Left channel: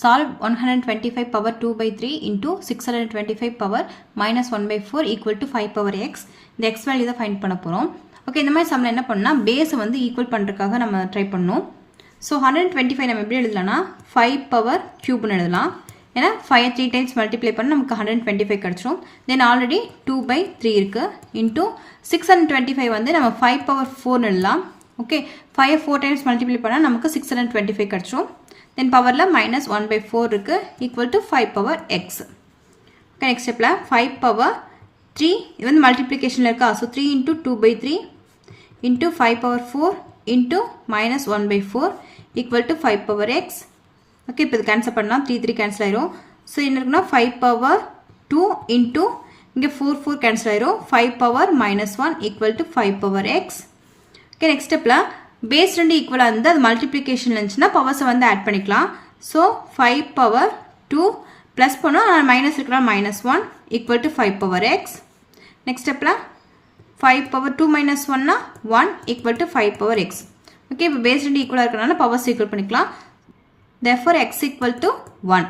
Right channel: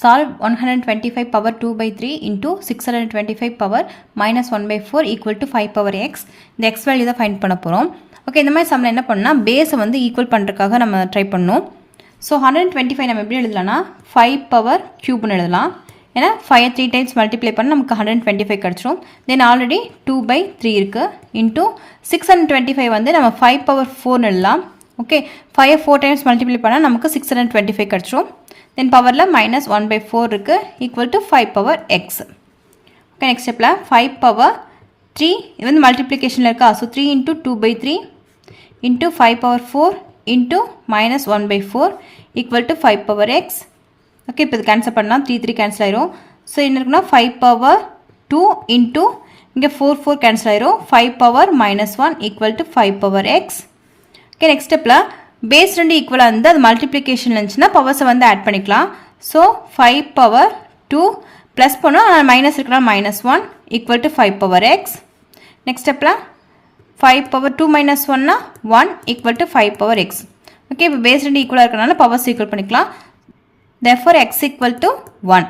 Solve 125 power 2 by 3 into 625 power minus 1 by 4 equal to 5 power x. இந்த x value தான் find பண்ண போகிறோம். Okay, இந்த மாதிரி சம்மில் என்ன பண்ணால் பேஸை வந்து ஈக்குவல் பண்ணுறதுக்காக நம்ம ட்ரை பண்ணோம். ஸோ 125 நம்ம எப்படி எழுதலாம்னா 5 பவர் க்யூப்னு எழுதலாம். ஏன்னா 5 3 டைம்ஸ் மல்டிப்ளை பண்ண நமக்கு 125 கிடச்சிரும். தென் ஆல்ரெடி 2 by 3 இருக்குது இன்ட்டு 625 வந்து நம்ம 5 பவர் 4 எழுதலாம். ஓகே, 5 4 டைம்ஸ் மல்டிப்ளை பண்ணால் நமக்கு 625 கிடச்சிரும். then பவரில் minus 1 by 4 இருக்குது equal to 5 power x. okay, next stepல 5 power 3 இது வந்து மல்டிப்ளிகேஷனில் இருக்கா. So 3 into 2 by 3 into 5 power 4 into minus 1 by 4 equal to 5 power x. Okay, இப்போ இது கேன்சல் பண்ணலாம். 3 3 கேன்சல் ஆயிரும். ஸோ என்ன இருக்குன்னா 5 power 2 into இங்கே 4 4 கேன்சல் ஆயிரும். 5 power minus 1 equal to 5 power x. Okay, next ஸ்டெப்பில் பேஸ் ரெண்டு ஈக்குவலாக இருந்து அது மல்டிப்ளிகேஷன் இருந்துச்சுன்னா பவர்ஸை வந்து ஆட் பண்ணிக்கலாம். ஸோ 5 பவர் 2 ப்ளஸ் பண்ணோம், மைனஸ் இருக்கலாம் minus 1 equal to 5 power X. Next ஸ்டெப்பில் 5 power 2 minus 1னா 1 equal to 5 power X. Okay, இப்போ பேஸ் ரெண்டு ஈக்குவலாக இருக்கிறனால பவர்ஸ் ஈக்குவல் பண்ணிக்கலாம். therefore x equal to 1.